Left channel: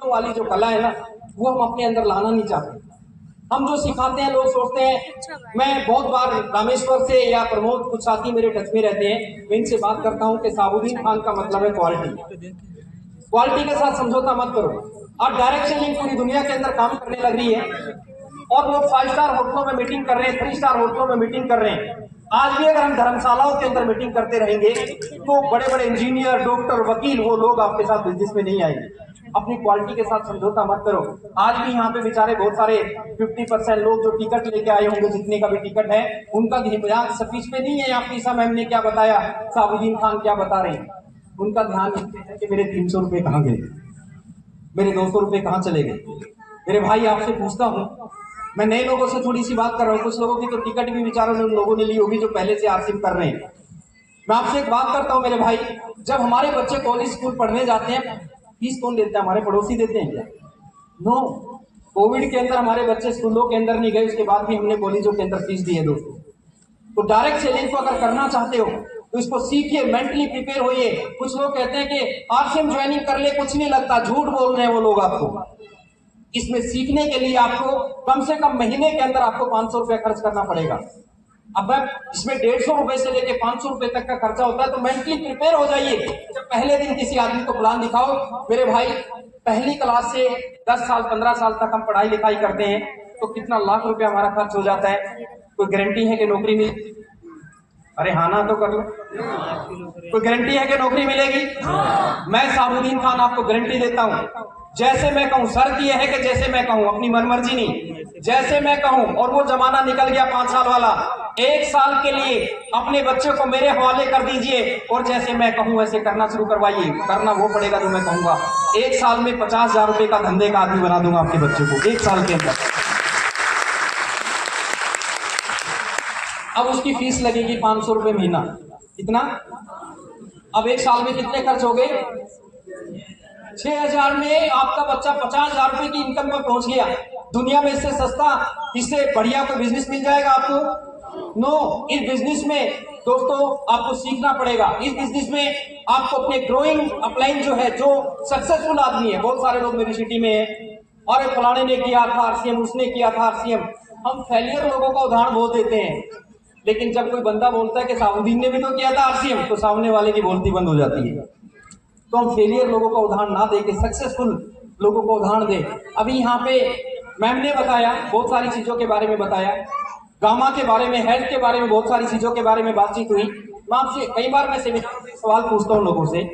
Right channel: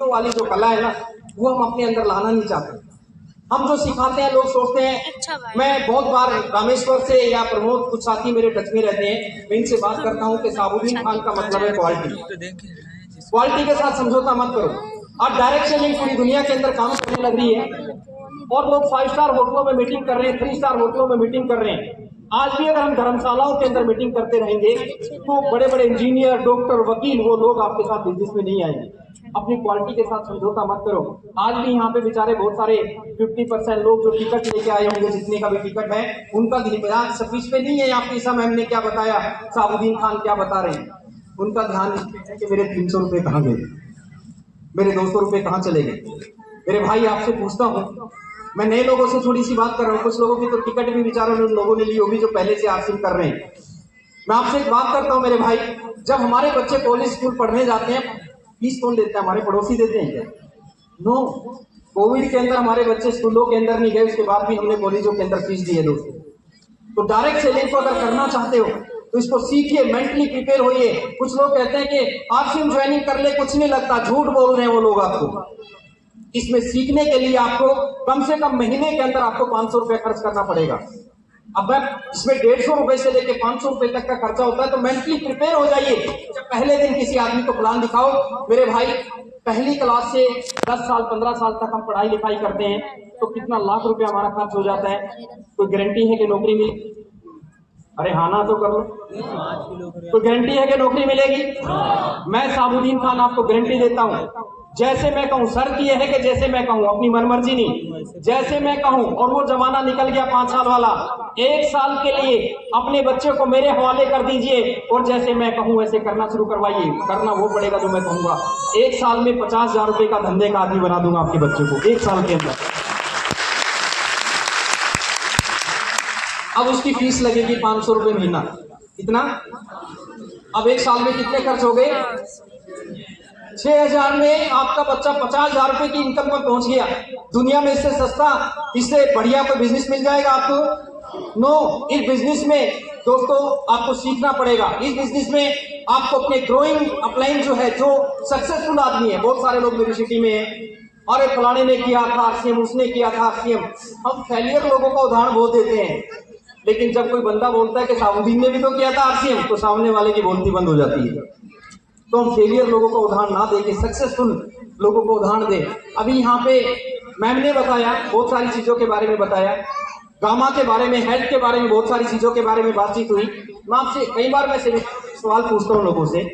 वाली जो कला है ना, वो हम अपने अंदर लाना नहीं चाहते। हम जो सिखाते हैं, लोग सोचते हैं। मैं बहुत बार रामेश्वर से या प्रमोद, कुछ साथी मेरे टच में रहते हैं, मैं इनसे बात करता हूँ कि साबुद्दीन खान का मतलब है क्वालिटी। क्वालिटी के साथ समझौता मत करो। अब डायरेक्ट सेलिंग पूरी दुनिया के अंदर काम करने लग रही है और लोग 5 स्टार होटलों में मीटिंग कर रहे हैं, 3 स्टार होटलों में मीटिंग कर रहे हैं। आज भी अगर हम धर्मशालाओं के अंदर मीटिंग करते रहेंगे तो बड़े बड़े इंजीनियर, डॉक्टर, वकील, वो लोग आपके साथ बिजनेस में नहीं आएंगे। अपनी क्वालिटी के साथ समझौता मत करो। आज भी यहाँ पे बेचारे बहुत सारे 50% लोग जो टिकट लेके आए होंगे, जितने का भी टिकट है, उनका ध्यान स्पीच पे नहीं है। आपकी सा मैम ने क्या बताया, साबुद्दीन खान क्या बता रहे हैं, उनका ध्यान इस पे है कि मेरे 300 रुपए कहाँ गए, मेरे 200 रुपए कहाँ चले गए। मेरे भाई, आपसे पूछता हूँ, मैं नए लोगों से थोड़ी सी बात कर रहा हूँ। कुछ लोगों की तो टिकट भी बेचारों ने उन लोगों ने ली होगी जो पहले से आरसीम कर रहे हैं। मैं आपसे एक बात करता हूँ मेरे भाई, जब हमारे बच्चे कॉलेज स्कूल पढ़ने जाते हैं, फीस कौन देता है? हमारे पड़ोसी देते हैं क्या? नो। कोविड के अंदर हमारे बच्चे स्कूलों के अंदर नहीं गए, उसके बाद भी हमने कॉलेजों के अंदर फीस दी है दोस्तों। तो डायरेक्ट सेलिंग को अगर करना चाहते हो तो इसको सीखिए, मेंटली प्रिपेयर होइए। कुछ लोग कहते हैं कि आरसीएम ज्वाइनिंग कर ले, कुछ नहीं लगता। झूठ बोल रहे हैं वो लोग आपको। इसमें सीखने के लिए आपको कम से कम महीने के अंदर आपको 500 रुपए खर्च करना पड़ेगा। अब इसमें 150 रुपए से लेके 500 रुपए तक का खर्चा होता है। तो मेंटली प्रिपेयर हो जाइए। जब पहले दिन किसी आदमी को प्लान दिखाओ, मेरे भाई, पहली क्लास से 10 साल 15 साल तक हम पढ़ाई लिखाई करते हैं तो कितना लाख रुपया हमारा खर्च हो जाता है। कोई गारंटी है कि नौकरी मिलेगी? अरे हाँ ना तो कर लो। कोई गारंटी है कि नौकरी मिलेगी? मैं साबुद्दीन खान आपको गारंटी देता हूं। जैसे मैं कहूं, शर्त यह है कि जैसे मैं कहूं, अपनी मनमर्जी नहीं, जैसे मैं कहूं। और वो जमाना निकल गया 5 साल वाला। 1 साल के लिए अपने बच्चे को मेरे हवाले कर दीजिए और जैसे मैं कहूं वैसे करना शुरू करवाइए। करना वो पड़ेगा जो मैं कहूंगा। 1 साल में 50,000 रुपए का धंधे का आदमी बना दूंगा आपके बच्चे को, 1 साल के अंदर। अब उसकी फीस लगेगी 500 रुपए महीना। कितना? अब 1 साल में कितने खर्च हो गए? 6,000 में आपका बच्चा 50,000 रुपए की इनकम पर पहुंच गया। दुनिया में इससे सस्ता, इससे बढ़िया कोई बिजनेस मिल जाएगा आपको? नो। इस बिजनेस में दोस्तों आपको सीखना पड़ेगा। इस बिजनेस में आपको अपने ग्रोइंग अपलाइन जो है, जो सक्सेसफुल आदमी है, बहुत सारे लोग मेरी सिटी में है, और फलाने ने किया था आरसीएम, उसने किया था आरसीएम। हम फेलियर लोगों का उदाहरण बहुत देते हैं, लेकिन जब कोई बंदा बोलता है कि साबुद्दीन ने भी तो किया था आरसीएम, तो सामने वाले की बोलती बंद हो जाती है। तो हम फेलियर लोगों का उदाहरण ना देके सक्सेसफुल लोगों को उदाहरण दें। अभी यहाँ पे मैम ने बताया, बहुत सारी चीजों के बारे में बताया, गामा के बारे में, हेल्थ के बारे में, बहुत सारी चीजों के बारे में बातचीत हुई। मैं आपसे कई बार मैं सवाल पूछता हूँ लोगों से।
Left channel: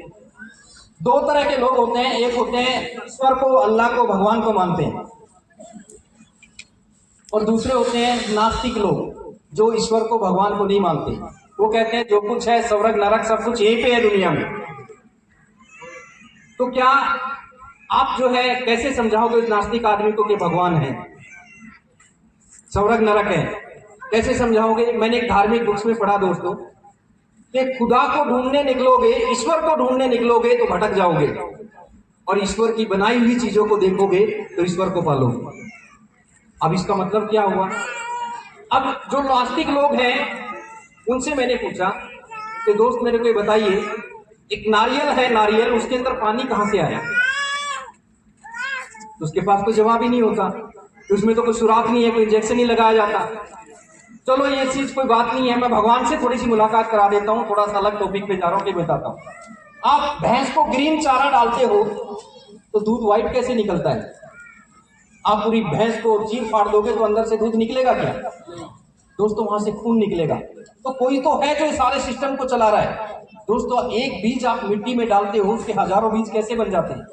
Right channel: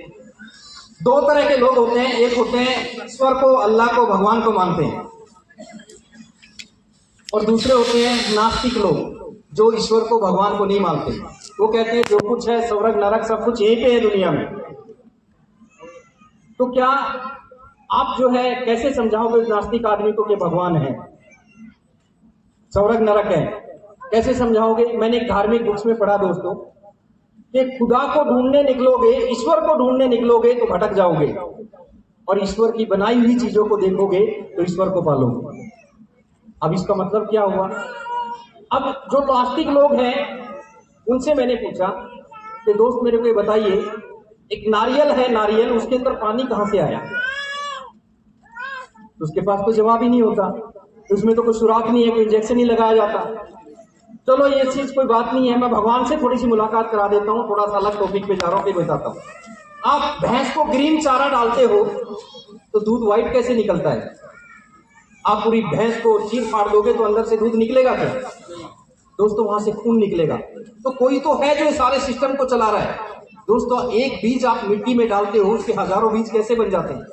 2 तरह के लोग होते हैं। एक होते हैं ईश्वर को, अल्लाह को, भगवान को मानते हैं, और दूसरे होते हैं नास्तिक लोग, जो ईश्वर को, भगवान को नहीं मानते। वो कहते हैं जो कुछ है, स्वर्ग नरक सब कुछ यहीं पे है दुनिया में। तो क्या आप जो है कैसे समझाओगे इस नास्तिक आदमी को कि भगवान है, स्वर्ग नरक है? कैसे समझाओगे? मैंने एक धार्मिक बुक्स में पढ़ा दोस्तों कि खुदा को ढूंढने निकलोगे, ईश्वर को ढूंढने निकलोगे तो भटक जाओगे, और ईश्वर की बनाई हुई चीजों को देखोगे तो ईश्वर को पालोगे। अब इसका मतलब क्या हुआ? अब जो नास्तिक लोग हैं उनसे मैंने पूछा कि दोस्त मेरे को ये बताइए, एक नारियल है, नारियल, उसके अंदर पानी कहां से आया? तो उसके पास तो जवाब ही नहीं होता। उसमें तो कोई सुराख नहीं है, कोई इंजेक्शन नहीं लगाया जाता। चलो ये चीज कोई बात नहीं है, मैं भगवान से थोड़ी सी मुलाकात करा देता हूँ, थोड़ा सा अलग टॉपिक पे जा रहा हूँ, बताता हूँ। आप भैंस को ग्रीन चारा डालते हो तो दूध व्हाइट कैसे निकलता है? आप पूरी भैंस को चीर फाड़ दोगे तो अंदर से दूध निकलेगा क्या? दोस्तों वहां से खून निकलेगा। तो कोई तो है जो सारे सिस्टम को चला रहा है। दोस्तों एक बीज आप मिट्टी में डालते हो, उसके हजारों बीज कैसे बन जाते हैं?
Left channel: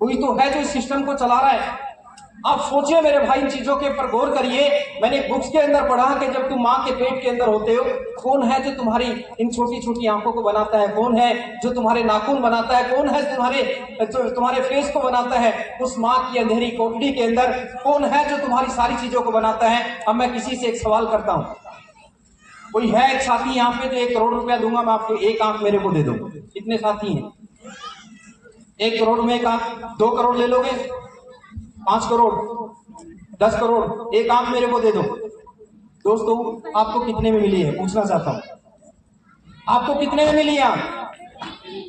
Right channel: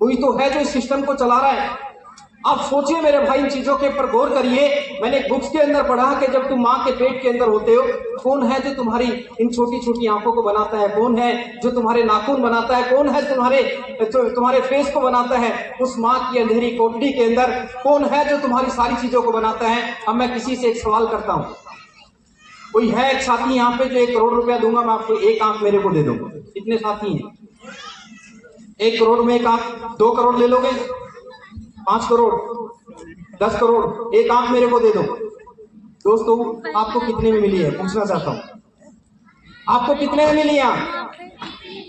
कोई तो है जो इस सिस्टम को चला रहा है। आप सोचिए मेरे भाई, इन चीजों के ऊपर गौर करिए। मैंने बुक्स के अंदर पढ़ा कि जब तुम माँ के पेट के अंदर होते हो, कौन है जो तुम्हारी इन छोटी छोटी आंखों को बनाता है? कौन है जो तुम्हारे नाखून बनाता है? कौन है तुम्हारे फेस को बनाता है? उस माँ की अंधेरी कोठरी के अंदर कौन है जो तुम्हारी सारी चीजों को बनाता है? अब मैं किसी से एक सवाल करता हूँ, कोई है एक साथी यहाँ पे जो 1 करोड़ रुपया दूंगा मैं आपको, एक आंख मेरे को दे दो? कितने साथी हैं? 1 करोड़ में एक आंख, 2 करोड़ ले लोगे? 5 करोड़, 10 करोड़, एक आंख मेरे को दे दो। दोस्तों आपको कितने में मिली है पूछना चाहता हूं। आपको कितने में मिली?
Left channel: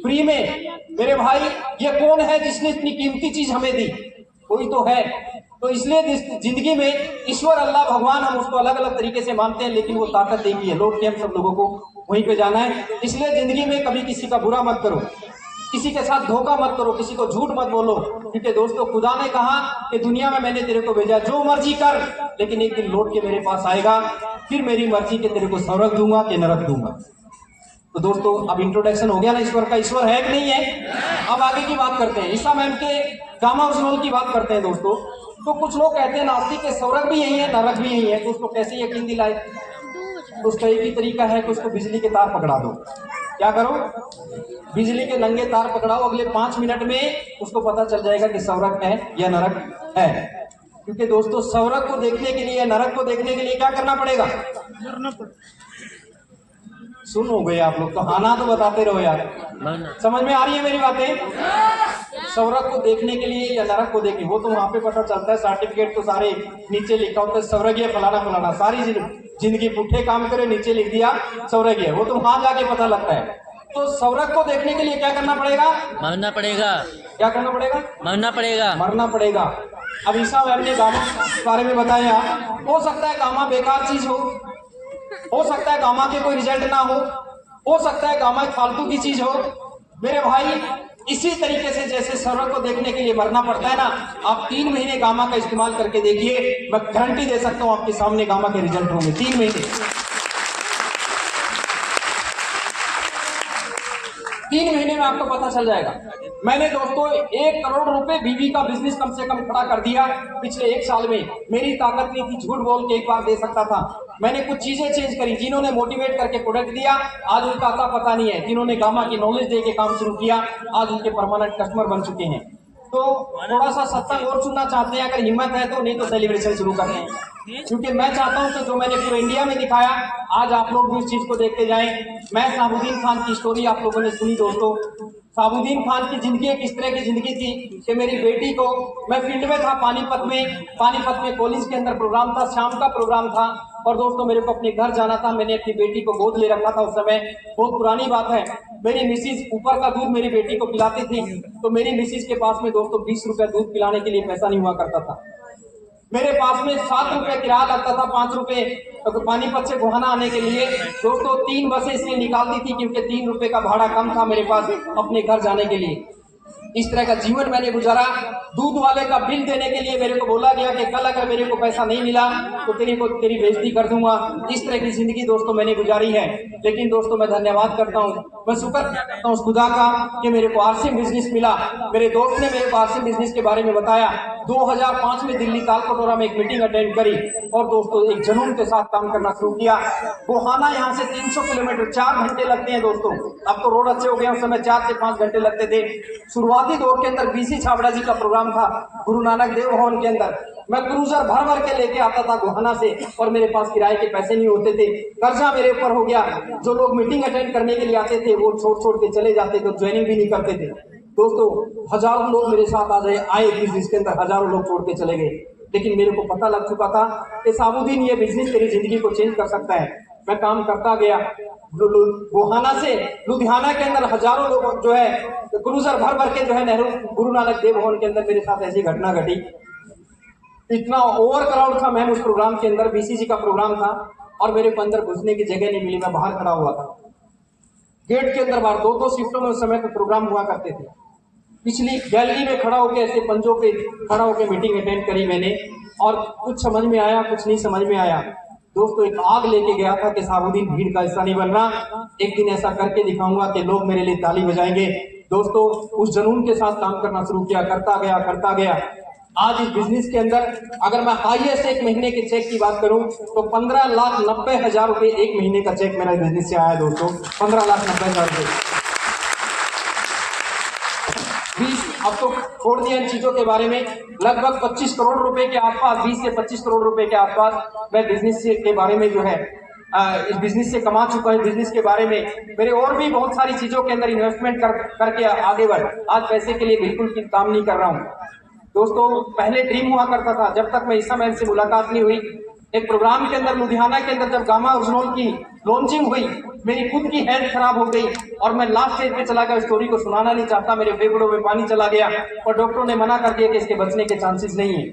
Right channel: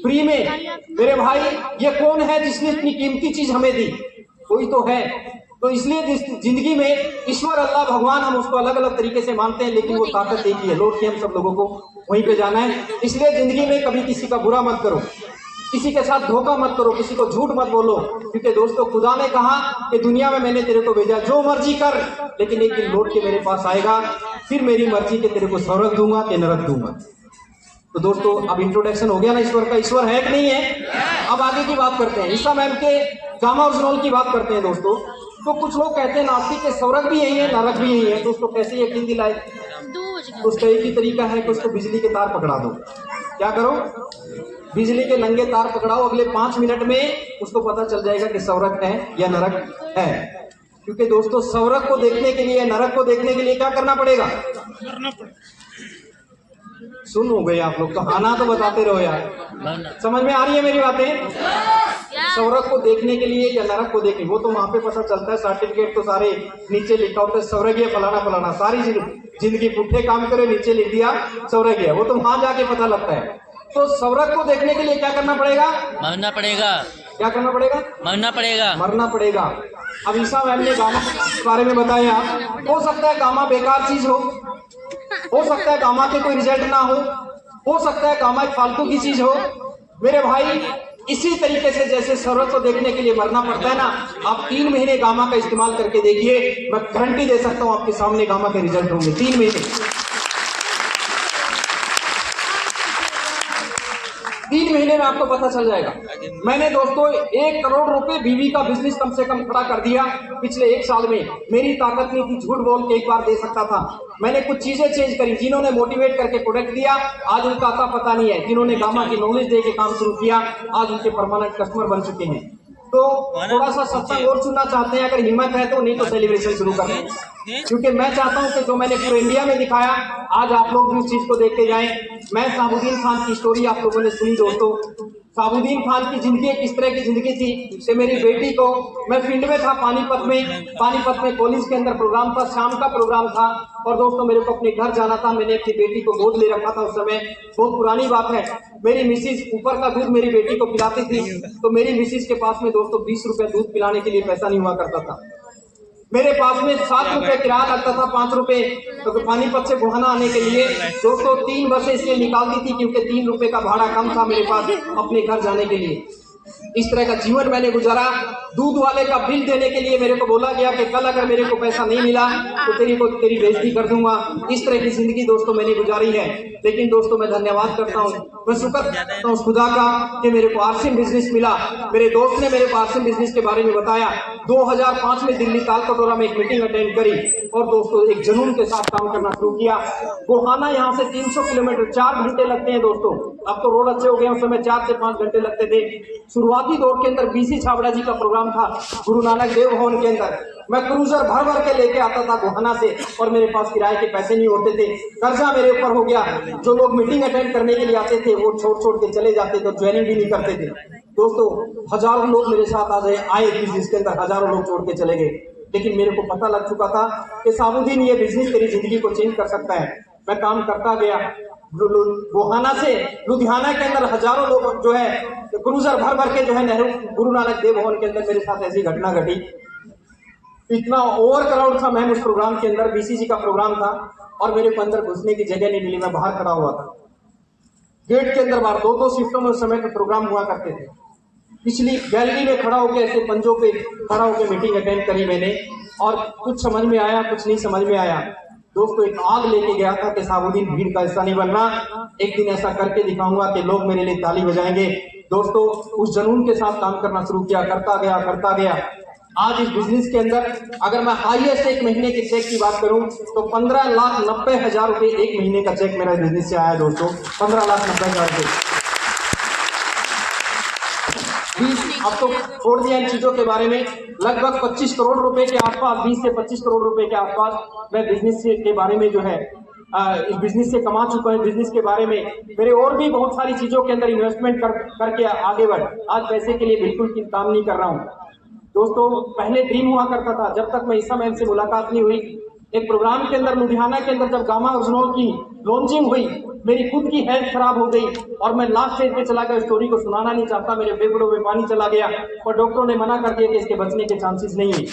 फ्री में। मेरे भाई ये कौन है जिसने इतनी कीमती चीज हमें दी? कोई तो है। तो इसलिए जिंदगी में ईश्वर अल्लाह भगवान हम उसको अलग अलग तरीके से मानते हैं, लेकिन वो ताकत एक ही है। लौट के हम सब लोगों को वहीं पे जाना है। इसलिए जिंदगी में कभी किसी का बुरा मत करो, किसी के साथ धोखा मत करो, किसी को झूठ मत बोलो, क्योंकि दोस्तों खुदा ने कहा कि दुनिया में मैंने तेरे को भेजा, जो मर्जी कर, लेकिन एक दिन लौट के मेरे पास आएगा, फिर मेरी मर्जी के तेरे को स्वर्ग दूंगा कि नरक दूंगा। तो दोस्तों अब इंट्रोडक्शन हो गया ना ईश्वर का। ईश्वर है कि नहीं है? अब आगे की बात करते हैं। ईसा मैम के गामा ओरिजिनल की बात करते हैं दोस्तों। तो कुछ लोग कहते हैं नास्तिक के स्वर्ग भी यही है, नरक भी यही है। दोस्तों कैसे यकीन दिलाए? तो उसका एक ही तरीका है कि उसको बिजली के तार पकड़ा दो। क्या करो? बिजली के नंगे तार पकड़ाओ, अगले 5 मिनट में उसको पता चल जाएगा कि स्वर्ग है या नरक है। क्योंकि दोस्तों स्वर्ग को देखने के लिए, नरक को देखने के लिए क्या करना पड़ेगा? मरना पड़ेगा। सुन हो गए आप लोग तो, आना तो बताते रहो यार। समझ में आ रही है मेरी बातें? स्वर्ग को देखने के लिए या नरक को देखने, वो तो वहां पे पता चलता है। सर्टिफिकेट तो सारे नीचे लिखा होता है, स्वर्गीय फलाना फलाना। सारी जिंदगी पुट्ठे काम करे, नीचे लिख दिया स्वर्गीय, वो तो वहां जाके पता लगता है। तो स्वर्ग को देखने के लिए क्या करना पड़ेगा? मरना पड़ेगा। क्या करना पड़ेगा? मरना पड़ेगा। मरना पड़ेगा। अब ईसा मैम ने गामा के बारे में बताया। हो सकता है गामा बेकार चीज हो सकता है गामा के कोई रिजल्ट ना हो सकता है गामा एक फालतू की चीज हो। मेरे भाई इसी तरीके से जैसे स्वर्ग को देखने के लिए मरना पड़ता है ना, आप 3 महीने गामा का इस्तेमाल करके देखिए, मैं गारंटी दे सकता हूं आपके सामने गामा के रिजल्ट होंगे 3 महीने। 3 महीने में आपको पता चल जाएगा। मैंने दोस्तों 1 करोड़ रुपए बीवी का बिजनेस कम से कम खड़ा कर दिया पिछले 1 साल में। मेरी ताकत नहीं थी, झूठ बोल के एक बार दे सकता था। मैंने कुछ चीजें चेंज करी। जिन्होंने मोटिवेट करके प्रोडक्ट दिया, आज उनका आता पता नहीं है। जिन्होंने गामा की नॉलेज दे के काम शुरू किया, आज उनके परमानेंट कस्टमर बन चुके हैं। तो थोड़ा सा सत्संग और सुनना चाहते हैं अगर हिम्मत है तो, नहीं तो सेलिब्रेशन शुरू कर दें। क्योंकि मैं चाहता हूं कि जो मैंने पूरे इंडिया में दिखाया, आज आप लोग भी उस चीज को देखते जाएं। मैं साबुद्दीन खान की स्टोरी आप लोगों ने सुनी दोस्तों। साबुद्दीन खान की जिंदगी किस तरह की जिंदगी थी कि मेरी बेटी को, मैं फील्ड में था पानीपत में कॉलेज के अंदर प्रोग्राम था, शाम का प्रोग्राम था, और दोस्तों मेरे को अपने घर जाना था। मैंने अपनी बेटी को गोद ले रखा था। उस समय बहुत पुरानी बात है, मेरी मिसिज ऊपर का दूध मेरी बेटी को पिलाती थी। तो मेरी मिसिज के पास में दोस्तों 20 रुपए दूध पिलाने के लिए पैसा नहीं हुआ करता था। मेरे पास में 7 रुपए किराया लगता था, 5 रुपए तो पानीपत से गोहाना आने के लिए। दोस्तों 3 बसें इसलिए निकालती थी क्योंकि 3 रुपए का भाड़ा कम था मेरे पास अपने घर जाने के लिए। इस तरह का जीवन मैंने गुजारा। दूध वाले का बिल देने के लिए मेरे को बोला गया कि कल अगर मेरे को पैसा नहीं मिला तो तेरी बेइज्जती कर दूंगा। इस तरह की जिंदगी दोस्तों मैंने गुजारी है। लेकिन दोस्तों मैं धन्यवाद करता हूँ, मैं शुक्र करता हूँ उस खुदा का कि मेरे को आरसीएम बिजनेस मिला। मेरे दोस्त ने मेरे को आरसीएम बिजनेस के बारे में बताया। 2005 में दिल्ली तालकटोरा में एक मीटिंग अटेंड करी और दोस्तों एक जुनून के साथ काम करना शुरू किया। गोहाना यहाँ से 300 किलोमीटर, 4 घंटे लगते हैं दोस्तों। अब तो रोड अच्छे हो गए, उस समय 4 से 5 घंटे लगते थे। शुरुआती दौर के अंदर बीसी छाबड़ा जी का प्रोग्राम था गुरु नानक देव भवन के अंदर। मैं क्रूजर भर भर के लेके आता था गोहाना से और मेरे पास किराए के पैसे नहीं होते थे। कर्जा मेरे ऊपर हो गया। जो लोग मीटिंग अटेंड करने के लिए आते थे वो छोड़ के चले जाते थे, ज्वाइनिंग भी नहीं करते थे। दोस्तों हजारों लोग मेरे साथ आए बिजनेस के अंदर, हजारों लोग छोड़ के चले गए। लेकिन मेरे को पता लग चुका था कि साबुद्दीन ये बिजनेस तेरी जिंदगी को चेंज कर सकता है। मैं काम करता गया। गोहाना से लुधियाना के अंदर हजारों लोग जो है क्रूजर भर भर के जो है नेहरू गुरु नानक देव भवन के अंदर मेरे साथ ऐसी घटना घटी। इतना ओवर क्राउड था मैम उस प्रोग्राम के अंदर, बीसीजी का प्रोग्राम था और मेरे को अंदर घुसने की जगह नहीं मिली। मैं बाहर खड़ा हुआ था गेट के अंदर। बाहर 2-2 शिफ्टों में उस समय पे प्रोग्राम हुआ करते थे। पिछली गैलरी में खड़ा होकर ऐसे पंजों पे खड़ा होकर मीटिंग अटेंड करी मैंने और कुछ समझ में आया, कुछ नहीं समझ में आया। दोस्तों एक आग लेके गया था कि साबुद्दीन भीड़ का हिस्सा नहीं बनना, एक दिन ऐसा करके दिखाऊंगा कि लोग मेरे लिए ताली बजाएंगे। दोस्तों उस जुनून के साथ काम करना शुरू किया, करता गया। आज इस बिजनेस के अंदर अगर मैं हाईएस्ट एक महीने के चेक की बात करूं तो 15,90,000 रुपए एक महीने का चेक मेरा बिजनेस से आया दोस्तों। 15,90,000 रुपए। अब तो छोड़ दिया इन चीजों के बारे में। लगभग 25 करोड़ रुपए के आसपास, 20 से 25 करोड़ रुपए के आसपास मैं बिजनेस के बारे में जो है इस बिजनेस से कमा चुका हूं। बिजनेस के बारे में मेरे और भी बहुत सारी चीजों के अंदर इन्वेस्टमेंट करके आगे बढ़। आज पैसे के लिए बिल्कुल काम नहीं कर रहा हूं दोस्तों। पहले ड्रीम हुआ करता था, जब तक मैं ईसा मैम से मुलाकात नहीं हुई। एक प्रोग्राम के अंदर लुधियाना के अंदर जब गामा ओरिजिनल की लॉन्चिंग हुई मेरी खुद की हेल्थ खराब हो गई और मैं लास्ट स्टेज पे चला गया। स्टोरी को सुनाना नहीं चाहता, मेरे फेफड़ों में पानी चला गया और डॉक्टरों ने मना कर दिया कि इसके बचने के चांसेस नहीं है।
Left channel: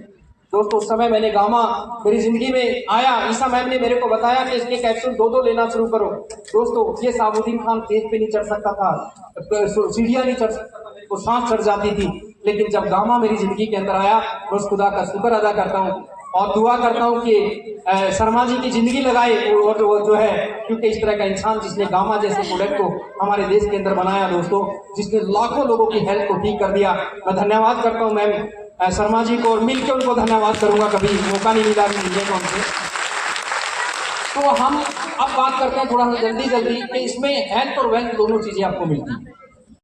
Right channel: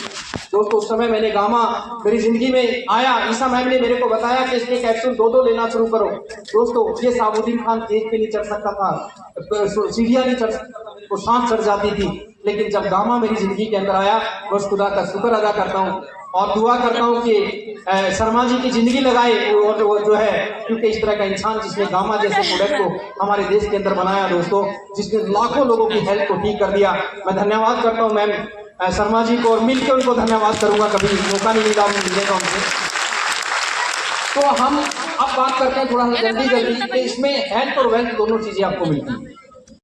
दोस्तों उस समय मैंने गामा मेरी जिंदगी में आया, ईसा मैम ने मेरे को बताया कि इसके कैप्सूल 2-2 लेना शुरू करो। दोस्तों ये साबुद्दीन खान स्टेज पे नहीं चढ़ सकता था, सीढ़ियां नहीं चढ़ सकता था, मेरे को सांस चढ़ जाती थी। लेकिन जब गामा मेरी जिंदगी के अंदर आया, बस खुदा का शुक्र अदा करता हूँ और दुआ करता हूँ कि शर्मा जी की जिंदगी लगाए और जो है, क्योंकि इस तरह का इंसान जिसने गामा जैसे प्रोडक्ट को हमारे देश के अंदर बनाया दोस्तों, जिसने लाखों लोगों की हेल्थ को ठीक कर दिया। मैं धन्यवाद करता हूँ मैम शर्मा जी को और मिलकर उनको धन्यवाद करूंगा, कभी मौका नहीं मिला मिलेगा उनसे। तो हम अब बात करते हैं थोड़ा सा जल्दी कि इसमें हेल्थ और वेल्थ दोनों चीजें आपको मिलती है।